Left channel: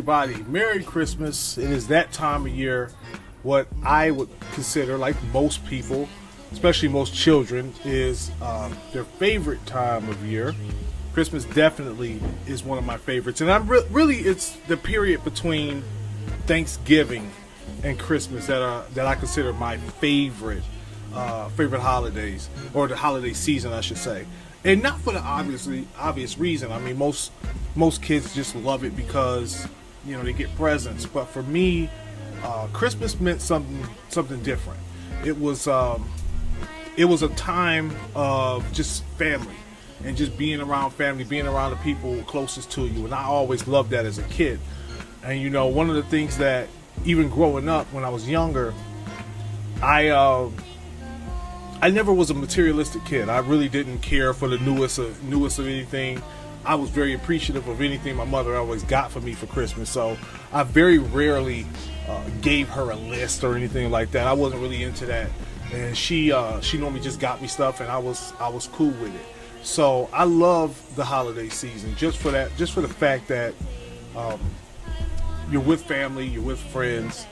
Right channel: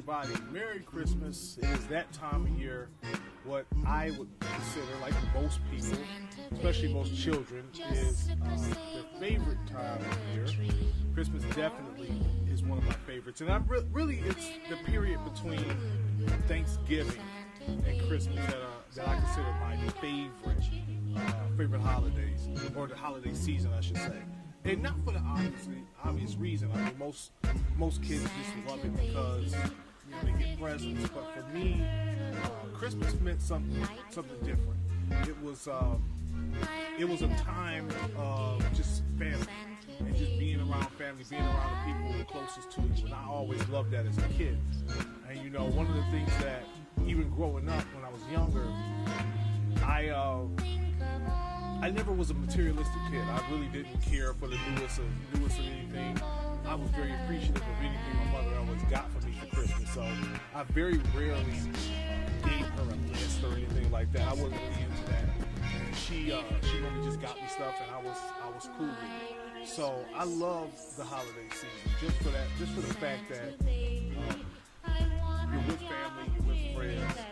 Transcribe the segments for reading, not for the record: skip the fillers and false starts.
everybody. Merry Christmas. It is that time of year, what I would consider, like most people, especially most children, is their favorite time of year. Christmas definitely is one of my favorites. And really, it's the period between Thanksgiving and Christmas that I consider my favorite holidays, or the holiday season, I should say. And not for the obvious reason. I mean, most kids just love it because, you know, they get presents. But for me, Christmas meant something different. It was a time of just family and just being around family, being around the people closest to you. And I always loved that as a kid. And you know, one of the things that even growing up when I was younger, I never was a materialistic kid. I really didn't care for the newest of anything. I was very appreciative of anything my mother always got for me for Christmas. So I very rarely gave her a list or anything like that. I wasn't really into that. And she normally just got me stuff, and I was cool with it. So I love the holiday season just for the fact that you're with family, you're with friends,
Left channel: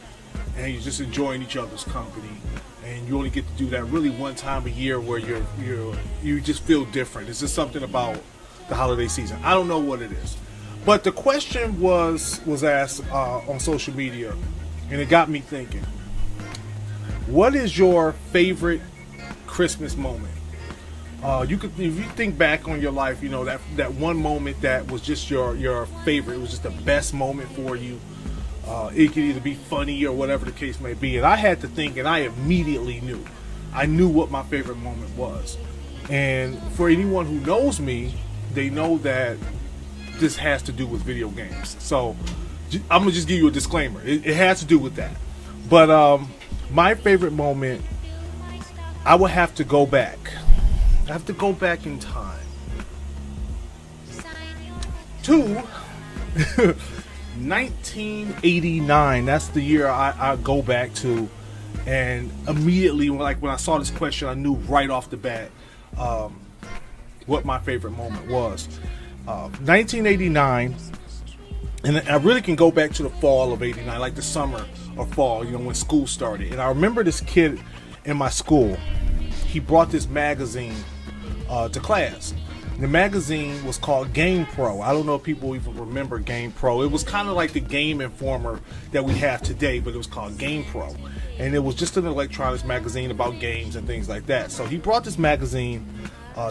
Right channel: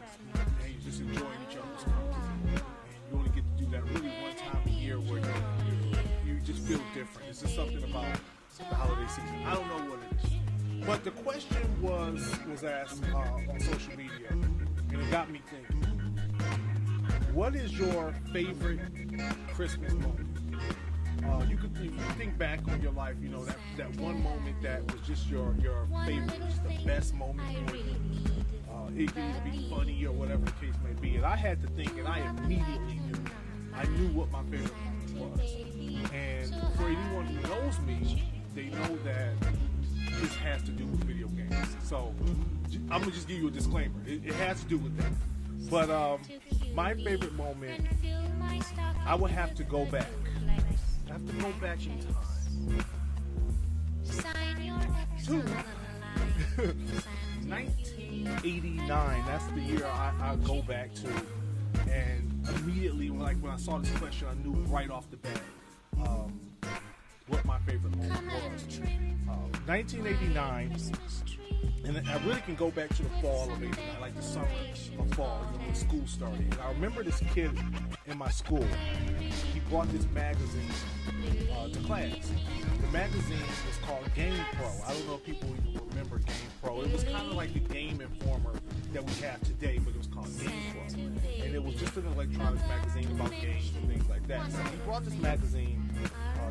and you're just enjoying each other's company. You only get to do that really one time a year where you just feel different. It's just something about the holiday season. I don't know what it is. But the question was asked on social media, and it got me thinking. What is your favorite Christmas moment? If you think back on your life, you know, that one moment that was just your favorite, it was just the best moment for you. It could either be funny or whatever the case may be. And I had to think, and I immediately knew. I knew what my favorite moment was. And for anyone who knows me, they know that this has to do with video games. So I'm going to just give you a disclaimer. It has to do with that. But my favorite moment, I would have to go back. I have to go back in time to 1989. That's the year I go back to, and immediately when I saw this question, I knew right off the bat what my favorite moment was. 1989, and I really can go back to the fall of '89, like the summer or fall, you know, when school started. And I remember this kid in my school. He brought this magazine to class. The magazine was called Game Pro. I don't know if people even remember Game Pro. It was kind of like the Game Informer that we have today, but it was called Game Pro. And it was just an electronics magazine about games and things like that. So he brought this magazine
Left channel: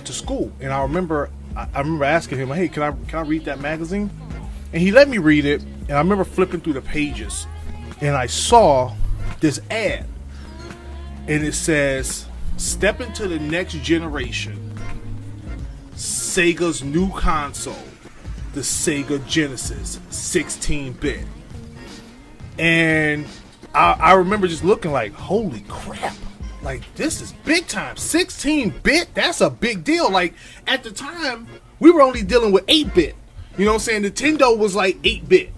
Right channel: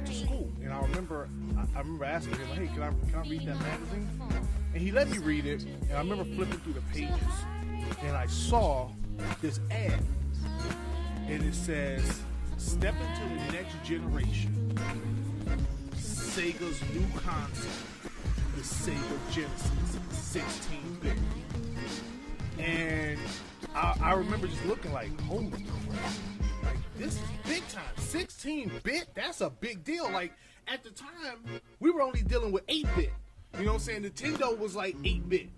to school. And I remember asking him, hey, can I read that magazine? And he let me read it. And I remember flipping through the pages. And I saw this ad. And it says, step into the next generation. Sega's new console, the Sega Genesis 16-bit. And I remember just looking like, holy crap, like this is big time. 16-bit, that's a big deal. Like at the time, we were only dealing with 8-bit. You know what I'm saying? Nintendo was like 8-bit,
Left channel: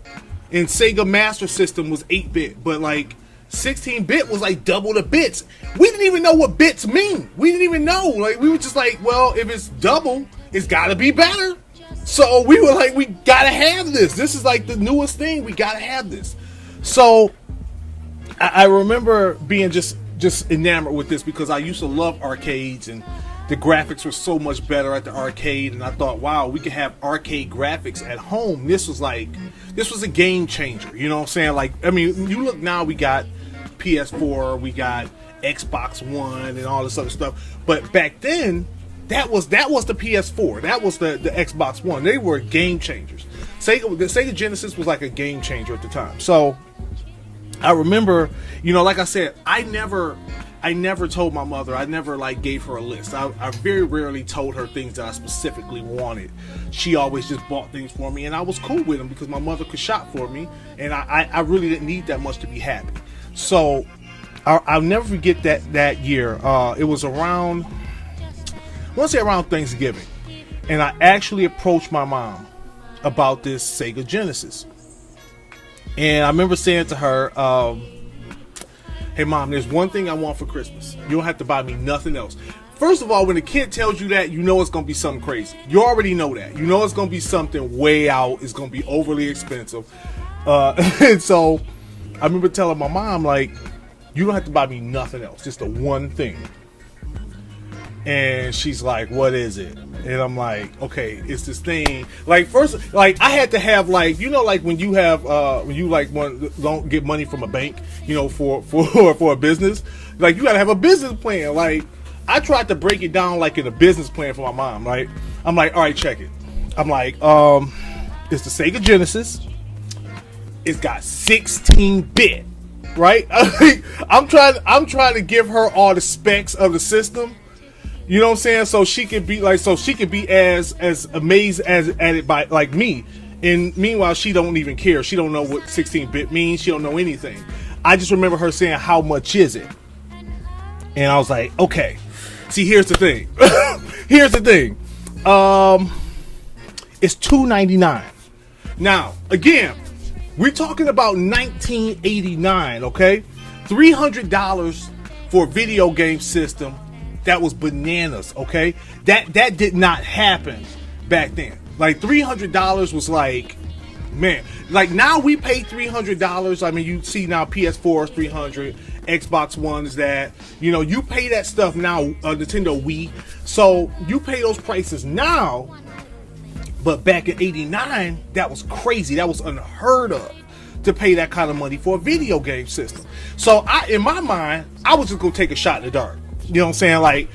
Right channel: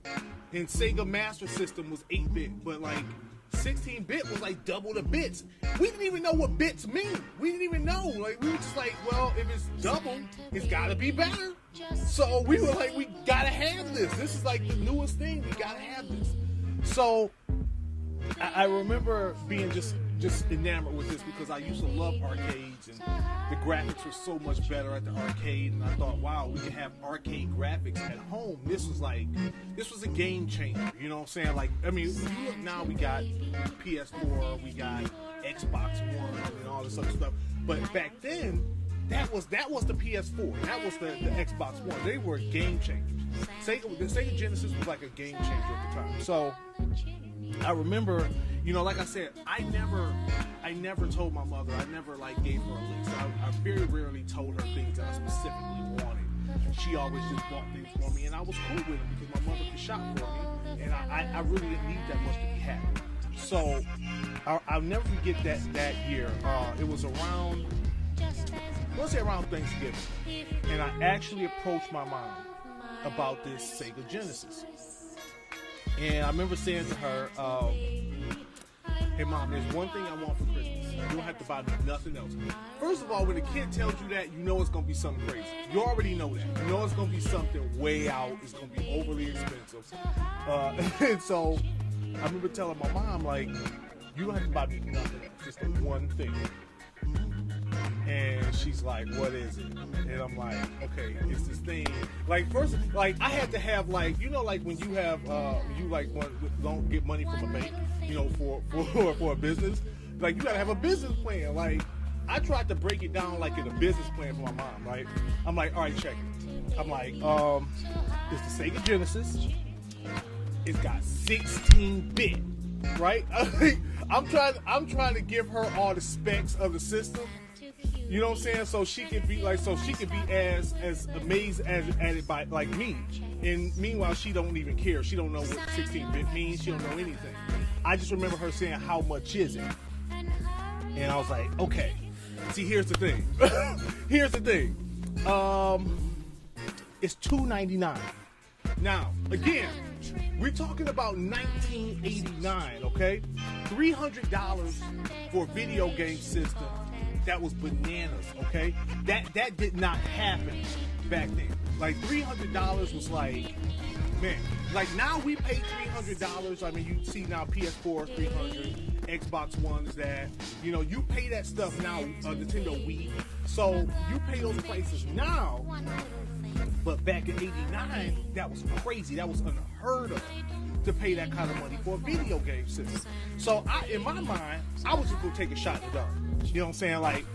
and Sega Master System was 8-bit, but like 16-bit was like double the bits. We didn't even know what bits mean. We didn't even know. Like, we were just like, well, if it's double, it's gotta be better. So we were like, we gotta have this. This is like the newest thing. We gotta have this. So I remember being just enamored with this because I used to love arcades, and the graphics were so much better at the arcade. And I thought, wow, we could have arcade graphics at home. This was a game changer. You know what I'm saying? Like, I mean, you look now, we got PS4, we got Xbox One, and all this other stuff. But back then, that was the PS4. That was the Xbox One. They were game changers. The Sega Genesis was like a game changer at the time. So I remember, you know, like I said, I never told my mother. I never like gave her a list. I very rarely told her things that I specifically wanted. She always just bought things for me, and I was cool with them because my mother could shop for me, and I really didn't need that much to be happy. So I'll never forget that year. It was around, I want to say around Thanksgiving, and I actually approached my mom about this Sega Genesis. And I remember saying to her, hey mom, there's one thing I want for Christmas. You don't have to buy me nothing else. First of all, when a kid tells you that, you know it's going to be something crazy. You already know that. You know it's going to be something way out. It's going to be overly expensive. And so I remember telling my mom, like, you don't have to buy me nothing else, just the one thing. And she's like, what is it? And I'm like, okay, it's this thing. Like, first, like, I had to have, like, you know, like when you have, when you like don't get money from a bank, you know, for a business, like, you gotta have a business plan. Like, I tried to break it down like in a business plan for my mom, right? I'm like, all right, check it. I'm like, it's the Sega Genesis. It's got 16-bit, right? I'm trying to give her all the specs of the system. You know what I'm saying? So she could be as amazed as at it by like me. And meanwhile, she don't even care. She don't know what 16-bit means. She don't know anything. I just remember her saying, how much is it? And I was like, okay. See, here's the thing. Here's the thing. It's $299. Now, again, we're talking about 1989, okay? $300 for a video game system. That was bananas, okay? That did not happen back then. Like, $300 was like, man, like now we pay $300. I mean, you see now PS4 is $300, Xbox One is that. You know, you pay that stuff now, Nintendo Wii. So you pay those prices now. But back in '89, that was crazy. That was unheard of to pay that kind of money for a video game system. So in my mind, I was just gonna take a shot in the dark. You know what I'm saying? Like,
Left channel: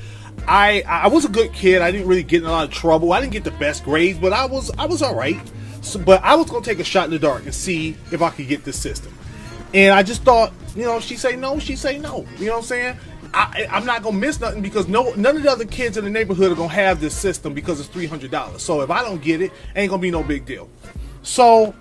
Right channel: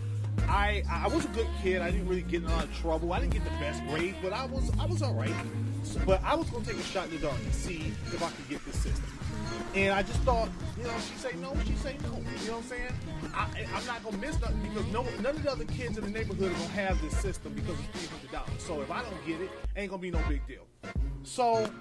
I was a good kid. I didn't really get in a lot of trouble. I didn't get the best grades, but I was all right. So, but I was gonna take a shot in the dark and see if I could get this system. And I just thought, you know, she say no, she say no. You know what I'm saying? I'm not gonna miss nothing because none of the other kids in the neighborhood are gonna have this system because it's $300. So if I don't get it, ain't gonna be no big deal. So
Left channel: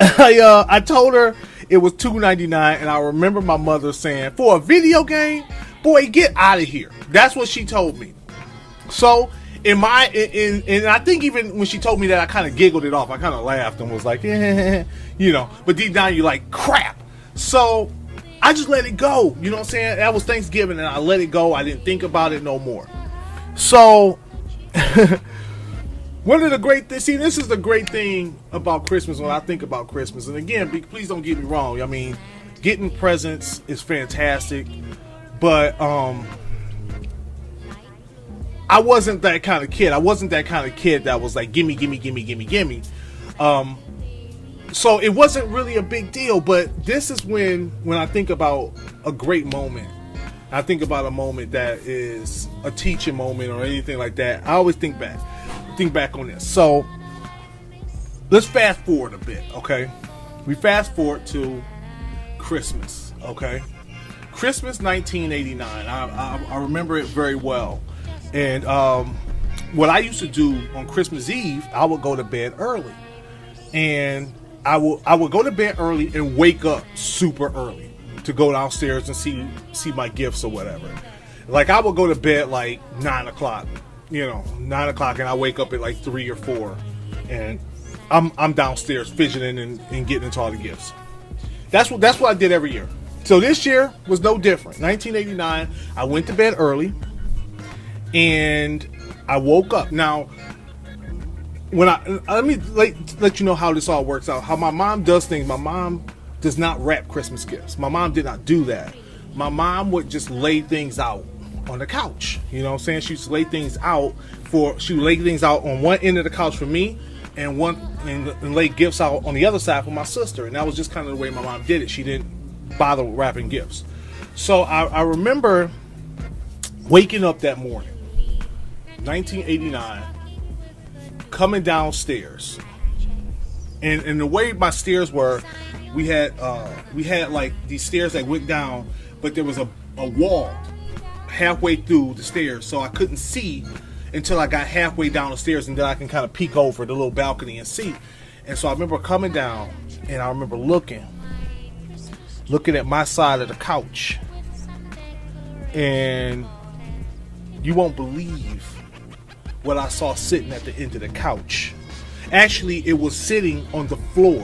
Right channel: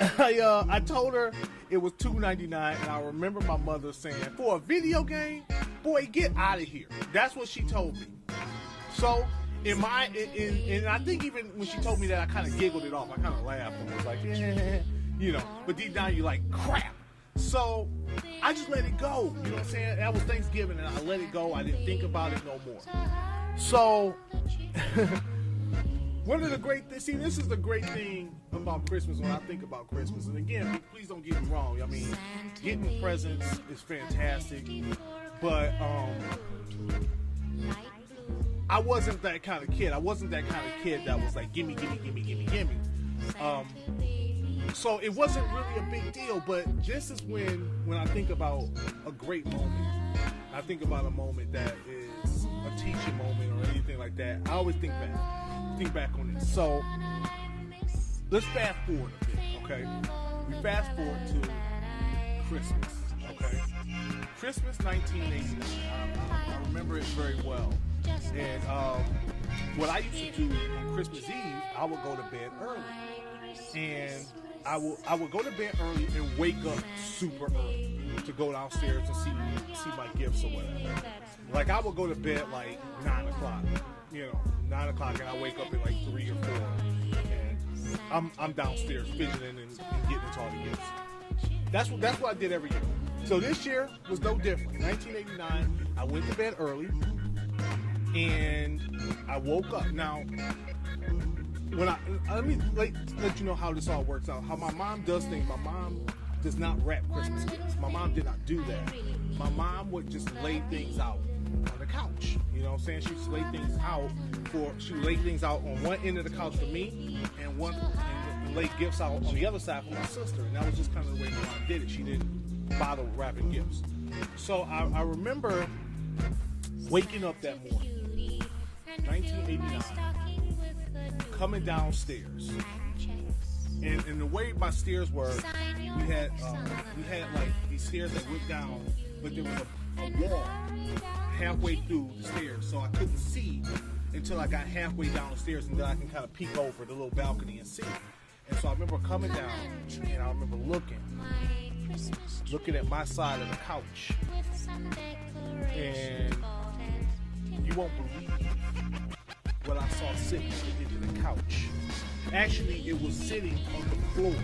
I told her it was $299, and I remember my mother saying, for a video game, boy, get out of here. That's what she told me. So and I think even when she told me that, I kind of giggled it off. I kind of laughed and was like, yeah, you know. But deep down, you're like, crap. So I just let it go. You know what I'm saying? That was Thanksgiving, and I let it go. I didn't think about it no more. So one of the great things, see, this is the great thing about Christmas when I think about Christmas. And again, please don't get me wrong. I mean, getting presents is fantastic, but I wasn't that kind of kid. I wasn't that kind of kid that was like, gimme. So it wasn't really a big deal, but this is when I think about a great moment. I think about a moment that is a teaching moment or anything like that. I always think back on this. So let's fast forward a bit, okay? We fast forward to Christmas, okay? Christmas 1989. I remember it very well. And what I used to do on Christmas Eve, I would go to bed early. And I would go to bed early and wake up super early to go downstairs and see my gifts or whatever. Like, I would go to bed like 9 o'clock, 9 o'clock, and I wake up at like 3 or 4, and I'm downstairs fidgeting and getting into all the gifts. That's what I did every year. So this year was no different. 1989, I went to bed early, and I woke up. Now, let me let you know how this all works out. How my mom does things. My mom does not wrap Christmas gifts. My mom did not do that. My mom would just lay things out on the couch. You know what I'm saying? She used to lay things out on one end of the couch for me, and lay gifts out on the other side for my sister. And that was just kind of the way my mom did it. She didn't bother with wrapping gifts. So I remember waking up that morning, 1989, coming downstairs, and the way my stairs were, we had like these stairs that went down, but there was a wall halfway through the stairs, so I couldn't see until I got halfway down the stairs, and then I can kind of peek over the little balcony and see. And so I remember coming down, and I remember looking at my side of the couch, and you won't believe what I saw sitting at the end of the couch. Actually, it was sitting on the floor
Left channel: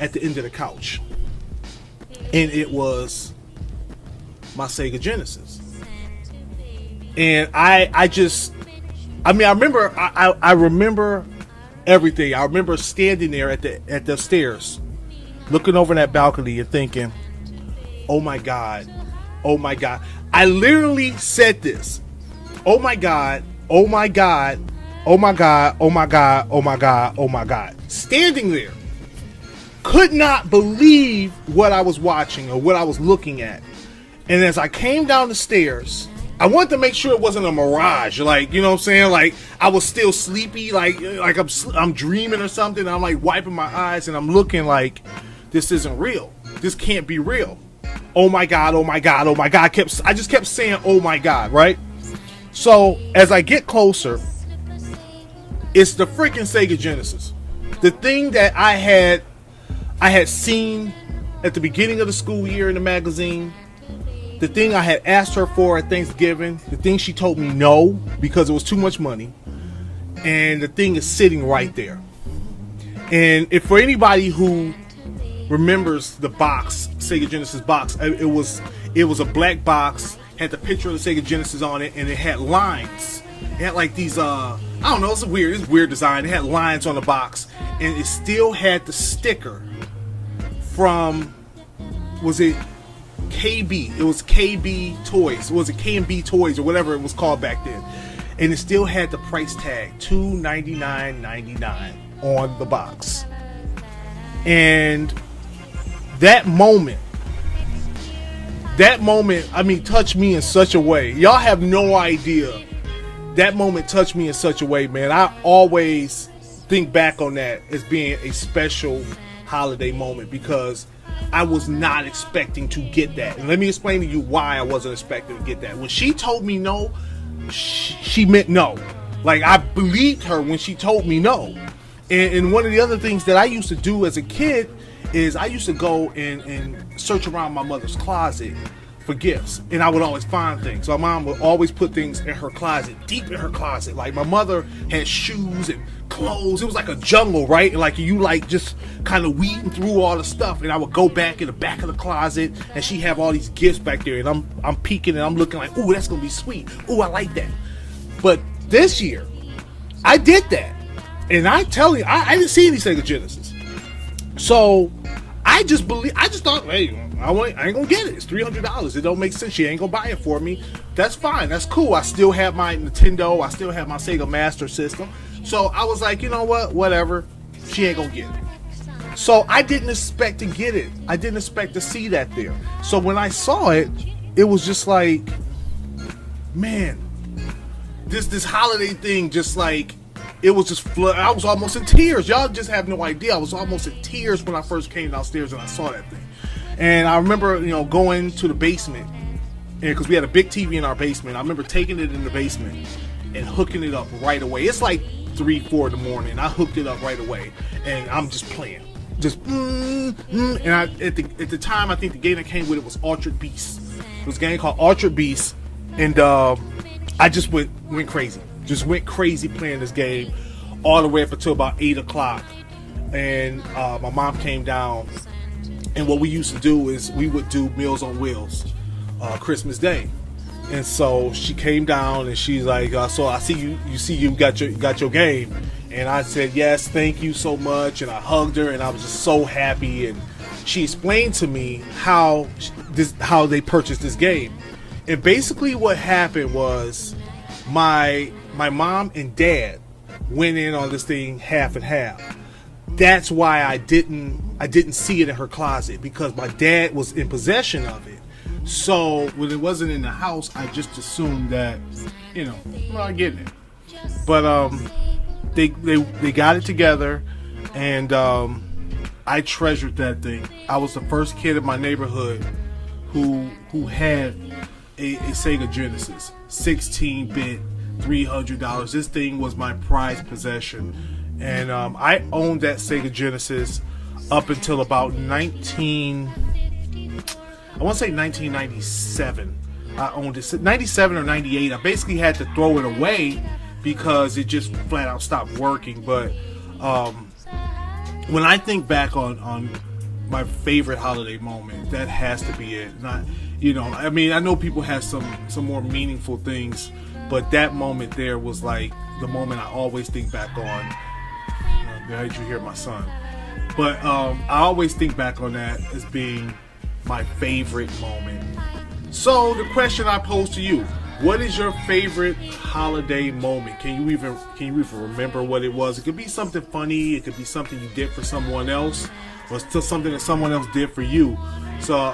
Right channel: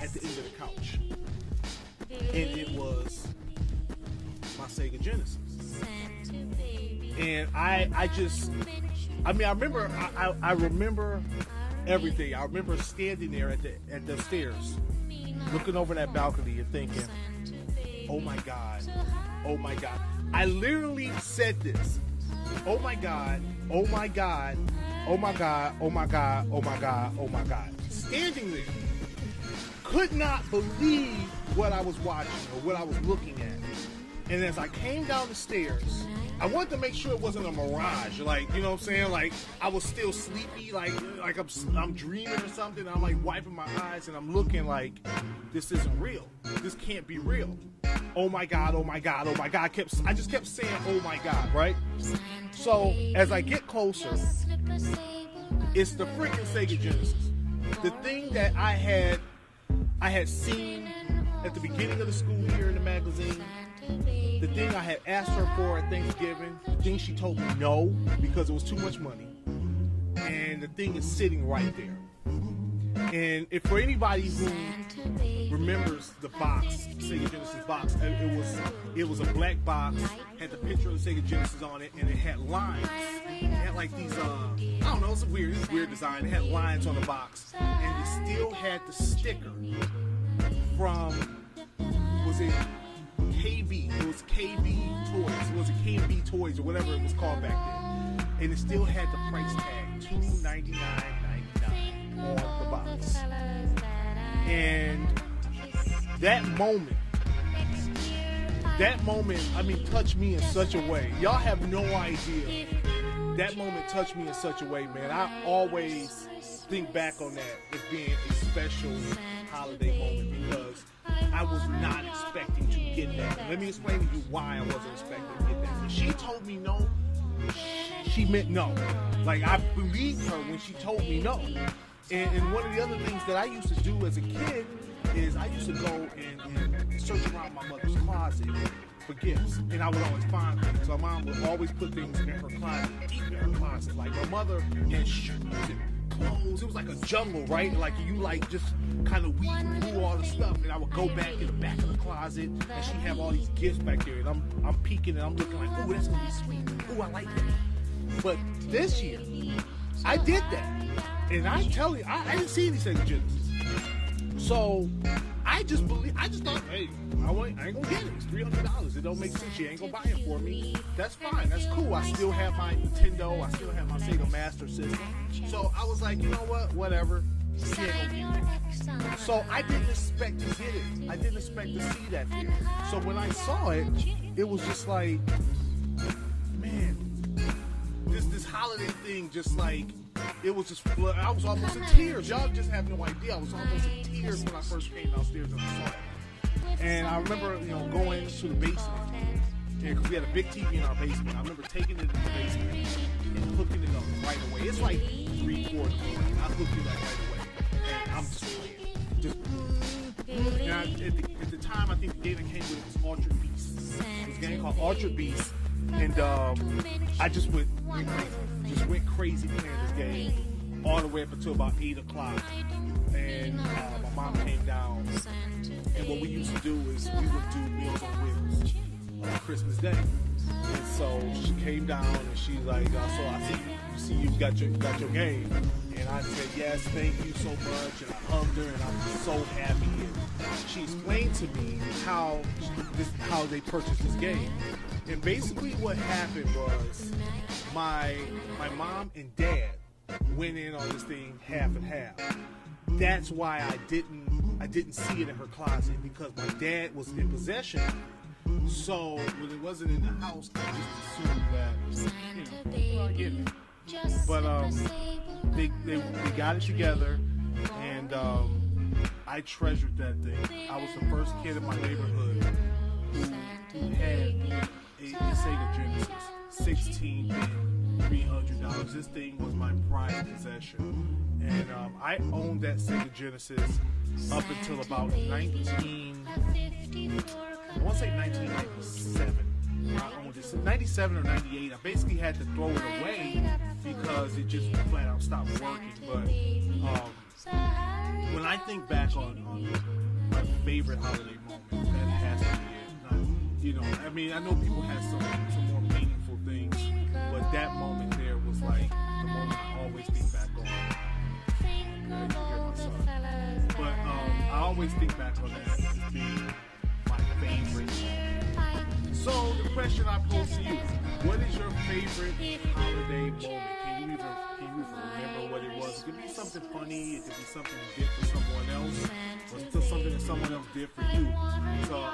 at the end of the couch, and it was my Sega Genesis. And I remember everything. I remember standing there at the stairs, looking over that balcony and thinking, oh my God, oh my God. I literally said this. Oh my God, oh my God, oh my God, oh my God, oh my God, oh my God. Standing there. Could not believe what I was watching or what I was looking at. And as I came down the stairs, I wanted to make sure it wasn't a mirage. Like, you know what I'm saying? Like, I was still sleepy, like I'm dreaming or something. I'm like wiping my eyes and I'm looking like, this isn't real. This can't be real. Oh my God, oh my God, oh my God. I just kept saying, oh my God, right? So as I get closer, it's the freaking Sega Genesis. The thing that I had seen at the beginning of the school year in the magazine, the thing I had asked her for at Thanksgiving, the thing she told me no because it was too much money, and the thing is sitting right there. And if for anybody who remembers the box, Sega Genesis box, it was a black box, had the picture of the Sega Genesis on it, and it had lines. It had like these, I don't know, it's weird design. It had lines on the box, and it still had the sticker from, was it KB? It was KB Toys. Was it K&B Toys or whatever it was called back then? And it still had the price tag, $299.99 on the box. And that moment, I mean, touched me in such a way. Y'all have no idea. That moment touched me in such a way, man. I always think back on that as being a special holiday moment because I was not expecting to get that. And let me explain to you why I wasn't expecting to get that. When she told me no, she meant no. Like, I believed her when she told me no. And one of the other things that I used to do as a kid is I used to go and search around my mother's closet for gifts, and I would always find things. My mom would always put things in her closet, deep in her closet. Like, my mother had shoes and clothes. It was like a jungle, right? Like, you like just kind of weeding through all the stuff, and I would go back in the back of the closet, and she have all these gifts back there, and I'm peeking and I'm looking like, ooh, that's gonna be sweet. Ooh, I like that. But this year, I did that, and I tell you, I didn't see any Sega Genesis. So I just thought, hey, I ain't gonna get it. It's $300. It don't make sense. She ain't gonna buy it for me. That's fine. That's cool. I still have my Nintendo. I still have my Sega Master System. So I was like, you know what? Whatever. She ain't gonna get it. So I didn't expect to get it. I didn't expect to see that there. So when I saw it, it was just like, man, this holiday thing just like, it was just I was almost in tears. Y'all just have no idea. I was almost in tears when I first came downstairs and I saw that thing. And I remember, going to the basement, and because we had a big TV in our basement. I remember taking it in the basement and hooking it up right away. It's like 3-4 in the morning. I hooked it up right away, and I'm just playing, and at the time, I think the game that came with it was Altered Beast. It was a game called Altered Beast, and I just went crazy. Just went crazy playing this game all the way up until about 8 o'clock. And my mom came down, and what we used to do is we would do Meals on Wheels Christmas Day. And so she came down and she's like, so I see you got your game. And I said, yes, thank you so much. And I hugged her, and I was just so happy. And she explained to me how they purchased this game. And basically what happened was my mom and dad went in on this thing half and half. That's why I didn't see it in her closet, because my dad was in possession of it. So when it wasn't in the house, I just assumed that, I get it. But they got it together, and I treasured that thing. I was the first kid in my neighborhood who had a Sega Genesis, 16-bit, $300. This thing was my prized possession. And I owned that Sega Genesis up until about 1997. I owned it, 97 or 98. I basically had to throw it away because it just flat out stopped working. But when I think back on my favorite holiday moment, that has to be it. I know people have some more meaningful things, but that moment there was like the moment I always think back on. as you hear my son. But I always think back on that as being my favorite moment. So the question I pose to you: what is your favorite holiday moment? Can you even remember what it was? It could be something funny. It could be something you did for someone else, or still something that someone else did for you. So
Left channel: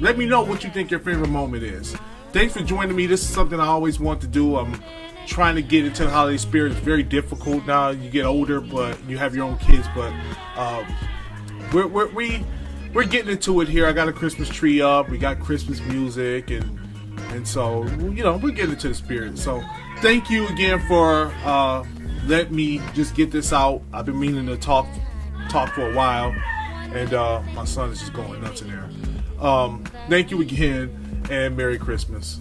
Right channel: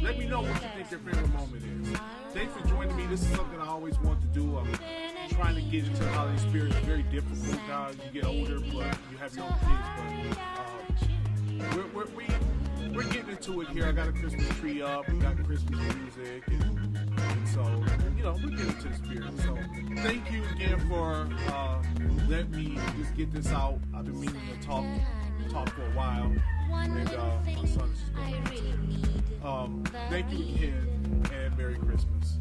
let me know what you think your favorite moment is. Thanks for joining me. This is something I always want to do. I'm trying to get into the holiday spirit. It's very difficult now. You get older, but you have your own kids. But we're getting into it here. I got a Christmas tree up. We got Christmas music, and so we're getting into the spirit. So thank you again for letting me just get this out. I've been meaning to talk for a while, and my son is just going nuts in there. Thank you again, and Merry Christmas.